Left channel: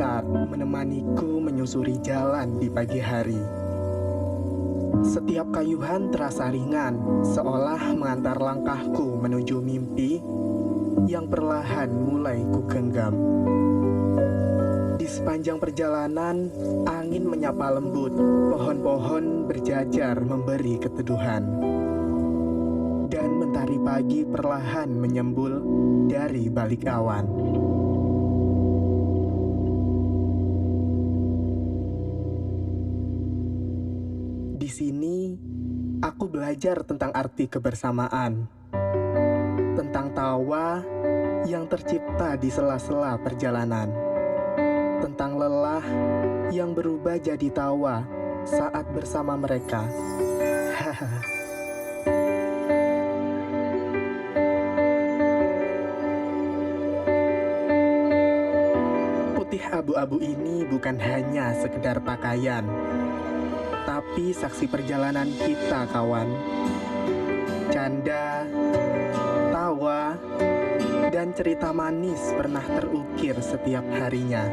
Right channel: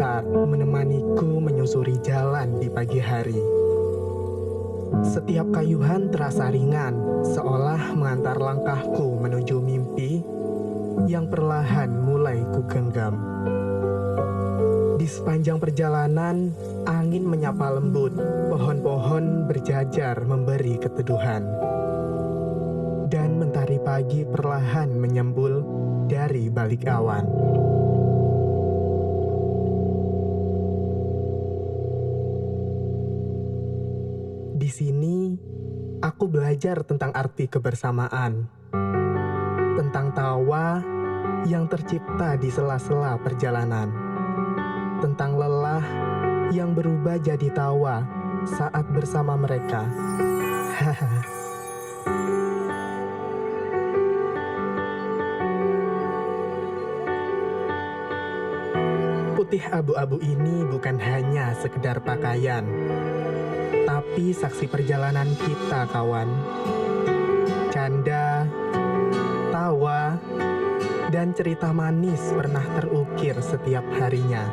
gitar menemaniku menyusuri jalan di pagi hari. Setiap kayuhan terasa ringan, seolah mengantar langkahku menuju mimpi yang perlahan mulai kugenggam. Di sepanjang perjalanan, angin menyapa lembut, pohon-pohon berjajar memberi keteduhan. Dan mentari pagi perlahan menyembul dari balik awan. Di sini, aku belajar tentang arti kebersamaan, tentang tawa yang tercipta di sela-sela perjalanan, tentang lelah yang berubah jadi tawa saat bersama mereka. Hahaha. Putih abu-abu ini bukan hanya sekedar pakaian, tapi saksi perjalanan kita, kawan. Canda, tawa, dan cerita manis pernah terukir setiap harinya.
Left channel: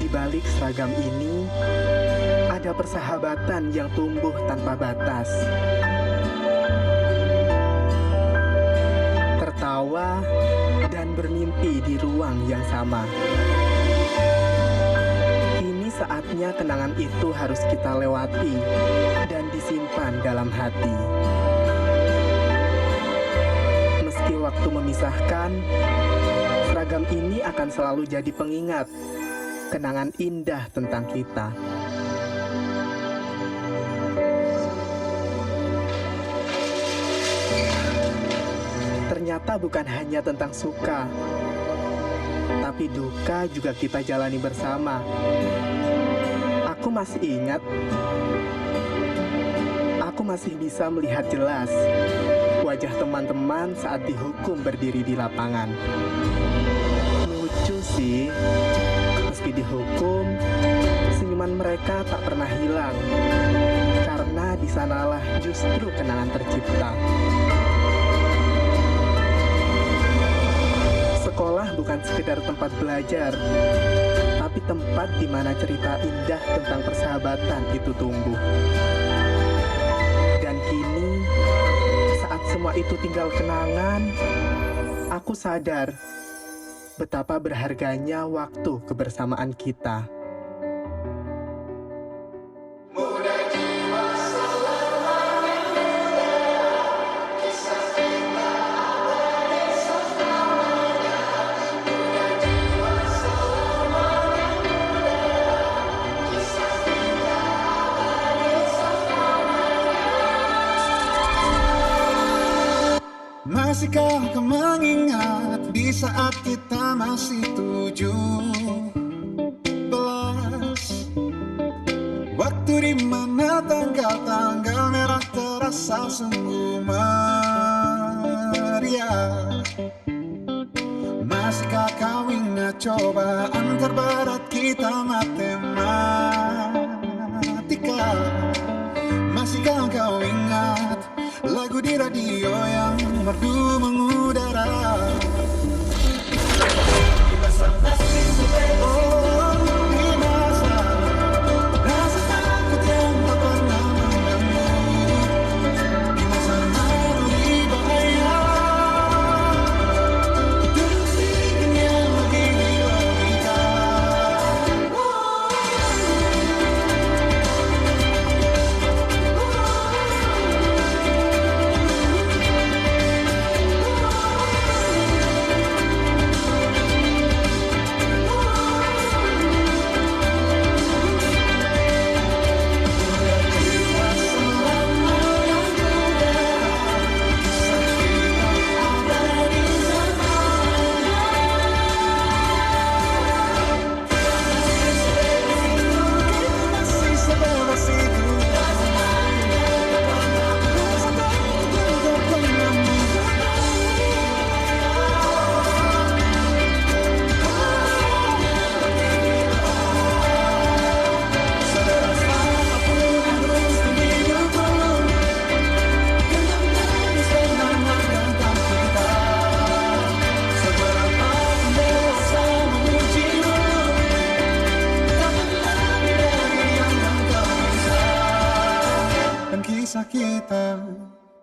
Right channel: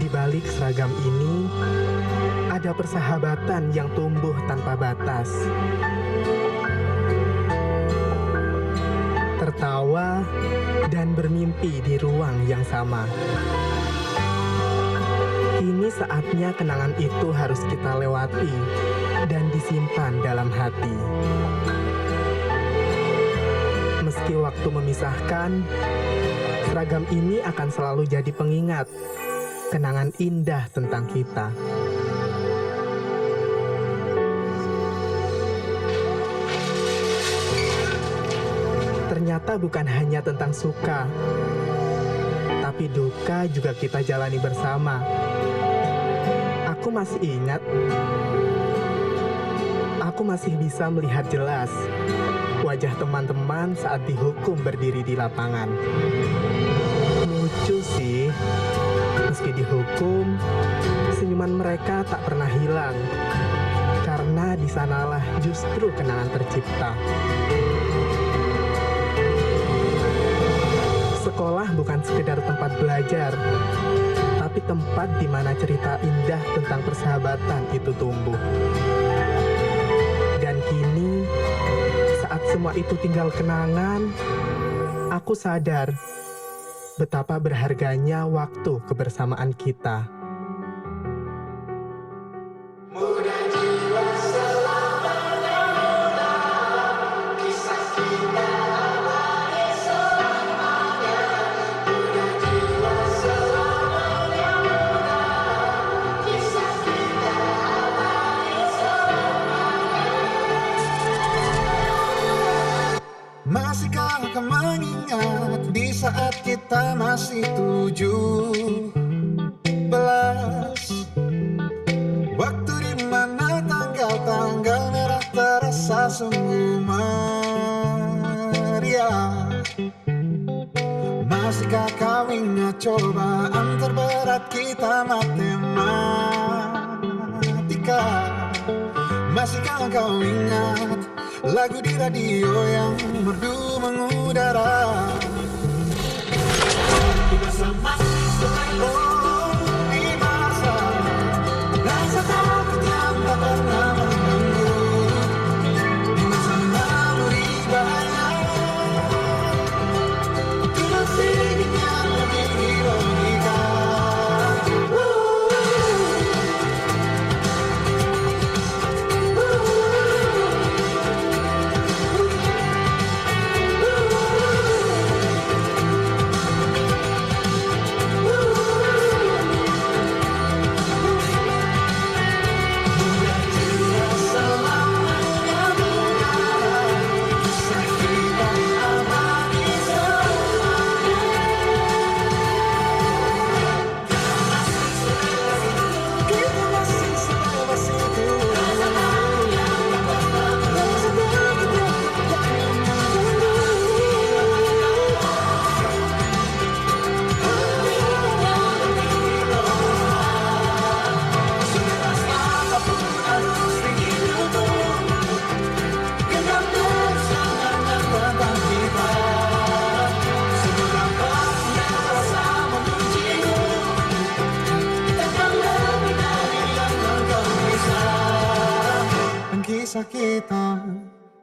Di balik seragam ini, ada persahabatan yang tumbuh tanpa batas. Tertawa dan bermimpi di ruang yang sama. Kini saatnya kenangan itu harus kita lewati dan disimpan dalam hati. Meski waktu memisahkan, seragam ini akan selalu jadi pengingat kenangan indah tentang kita. Ternyata bukan hanya tentang suka, tapi duka juga kita jalani bersama. Aku masih ingat, aku masih bisa melihat jelas wajah teman-teman saat dihukum berdiri di lapangan. Lucu sih, meski dihukum, senyuman mereka tak pernah hilang, karena di sanalah justru kenangan tercipta. Sekolah bukan sekedar tempat belajar, tapi tempat di mana cerita indah tentang persahabatan itu tumbuh. Dan kini, saat semua itu tinggal kenangan, aku sadar betapa berharganya waktu kebersamaan kita. Masihkah kau mengingat di saat kita masih 17? Waktu di mana tanggal-tanggal merah terasa sungguh meriah. Masihkah kau ingat cobaan terberat kita matematika? Masihkah kau ingat lagu di radio yang merdu mengudara? Oh, di masa rasa takut yang tak pernah mengganggu, di masa naluri bahaya, duduk dingin yang menggigit logika. kisah kita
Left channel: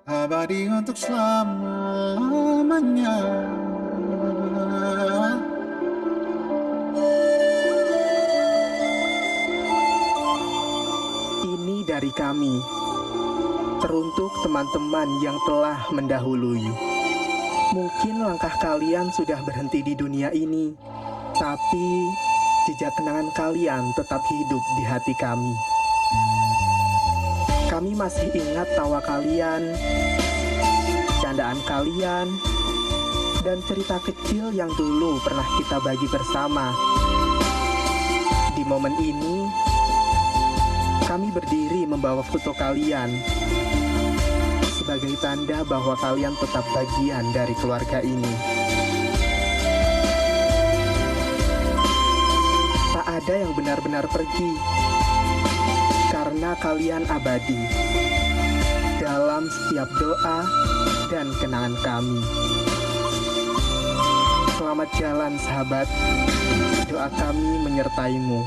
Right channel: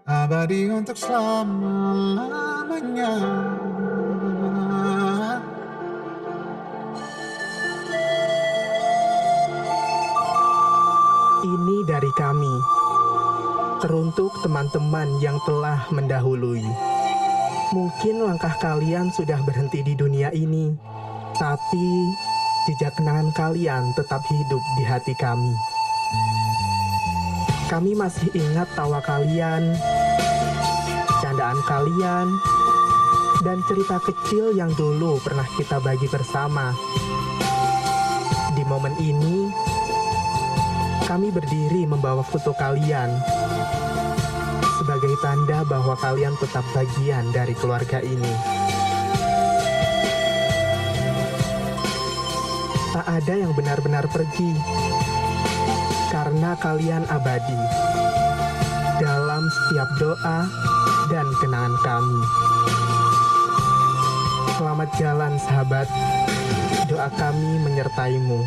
abadi untuk selama-lamanya. Ini dari kami, teruntuk teman-teman yang telah mendahului. Mungkin langkah kalian sudah berhenti di dunia ini, tapi jejak kenangan kalian tetap hidup di hati kami. Kami masih ingat tawa kalian, candaan kalian, dan cerita kecil yang dulu pernah kita bagi bersama. Di momen ini, kami berdiri membawa foto kalian sebagai tanda bahwa kalian tetap bagian dari keluarga ini. Tak ada yang benar-benar pergi, karena kalian abadi dalam setiap doa dan kenangan kami. Selamat jalan sahabat, doa kami menyertaimu.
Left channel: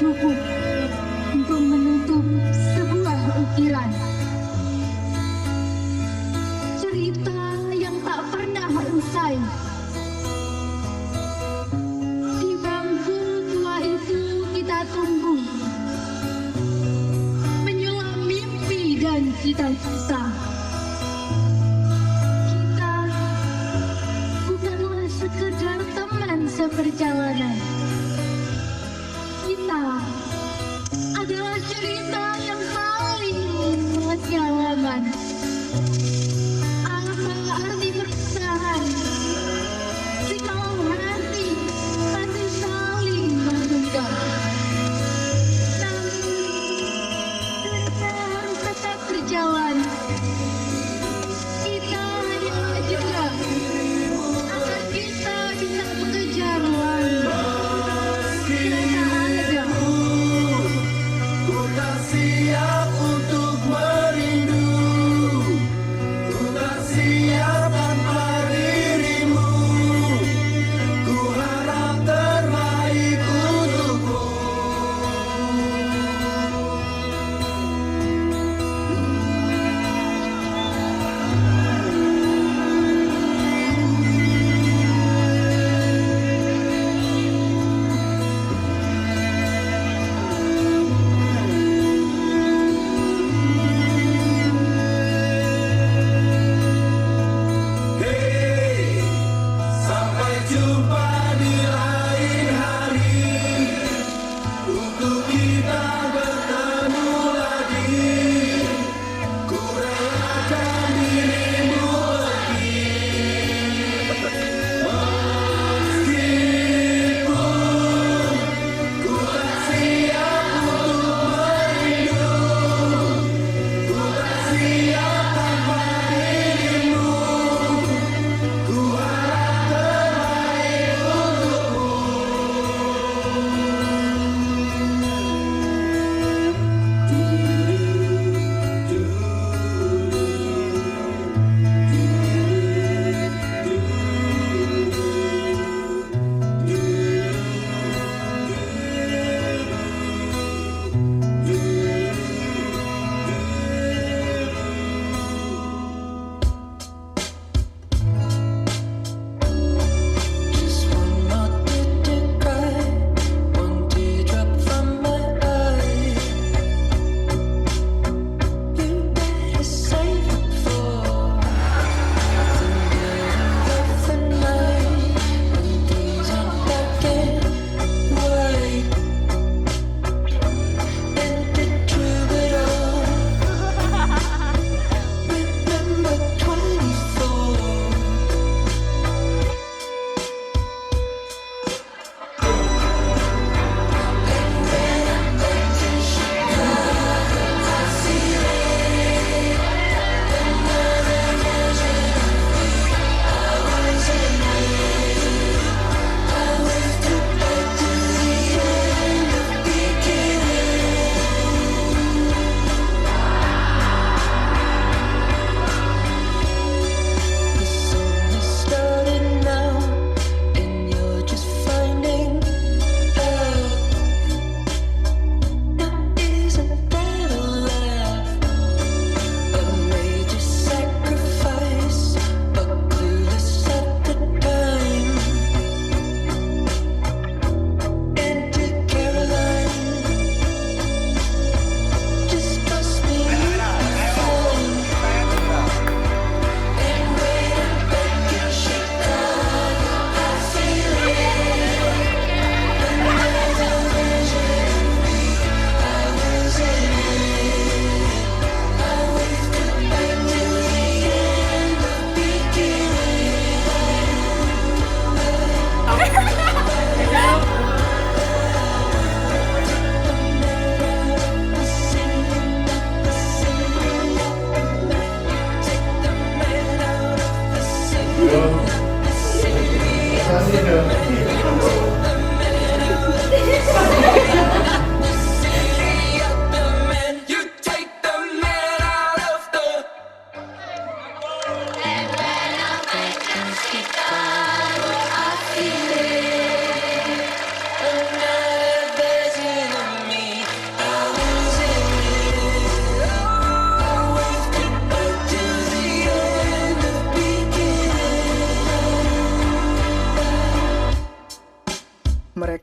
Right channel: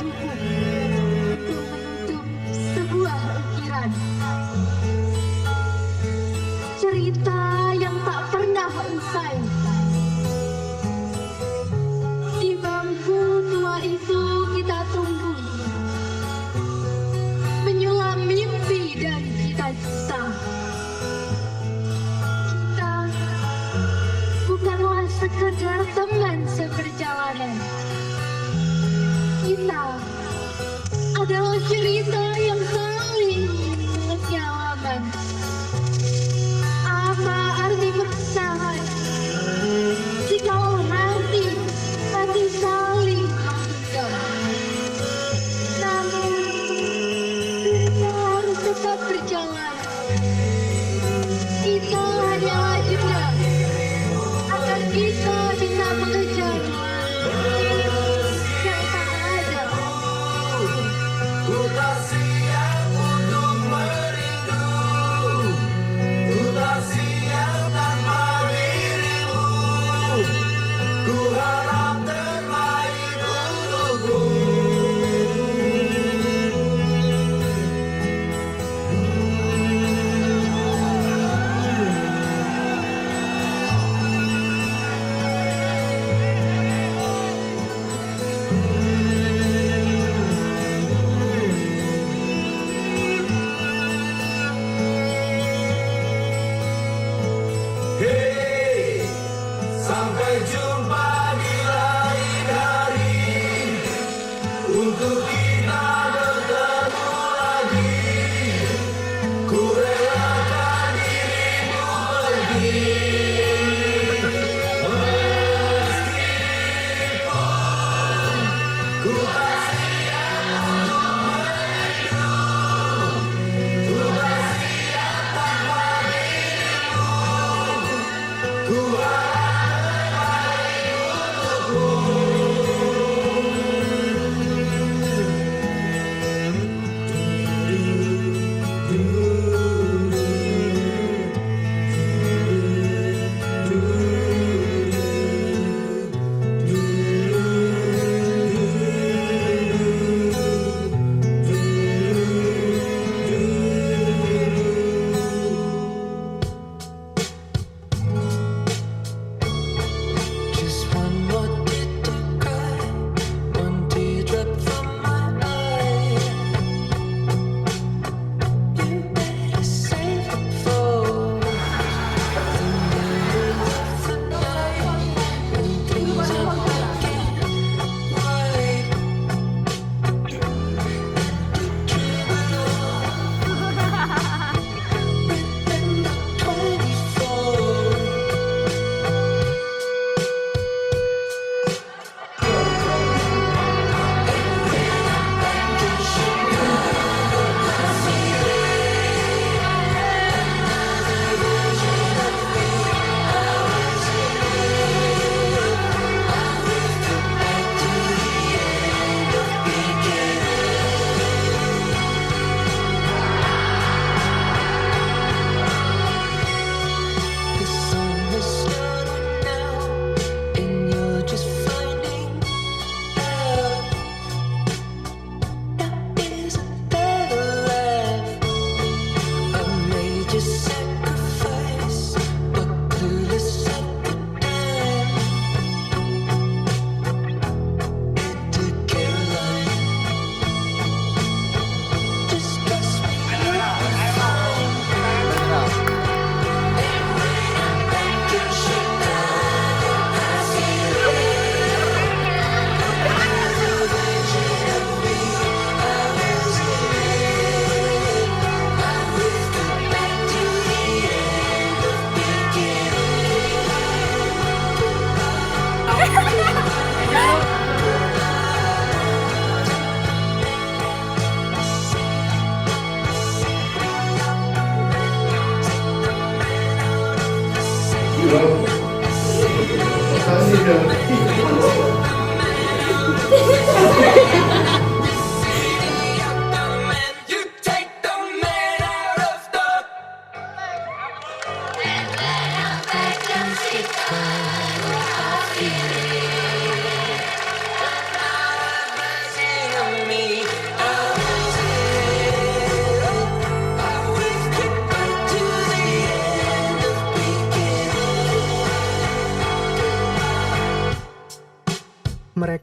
cukup untuk menutup sebuah ukiran. Cerita yang tak pernah usai. Di bangku tua itu kita tunggu, menyulam mimpi dan cita-cita. Kita bukanlah sekedar teman seperjalanan. Kita adalah cerita yang saling menyalaman. Apa arti perpisahan jikalau hati masih saling menggenggam? Namun kita harus tetap berjalan. Kita hanyalah jeda agar kita bisa mengejar langkah. Ku tak siap untuk merindu, ku tak siap tanpa dirimu. Ku harap terbaik untukmu.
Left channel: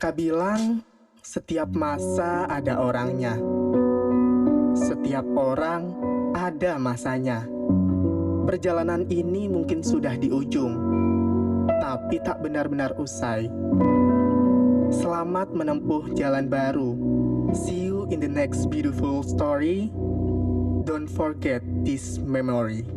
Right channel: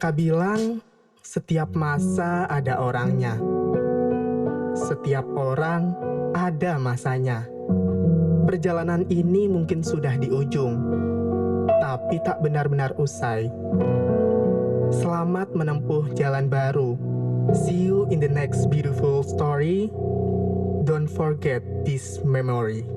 Mereka bilang setiap masa ada orangnya. Setiap orang ada masanya. Perjalanan ini mungkin sudah di ujung, tapi tak benar-benar usai. Selamat menempuh jalan baru. See you in the next beautiful story. Don't forget this memory.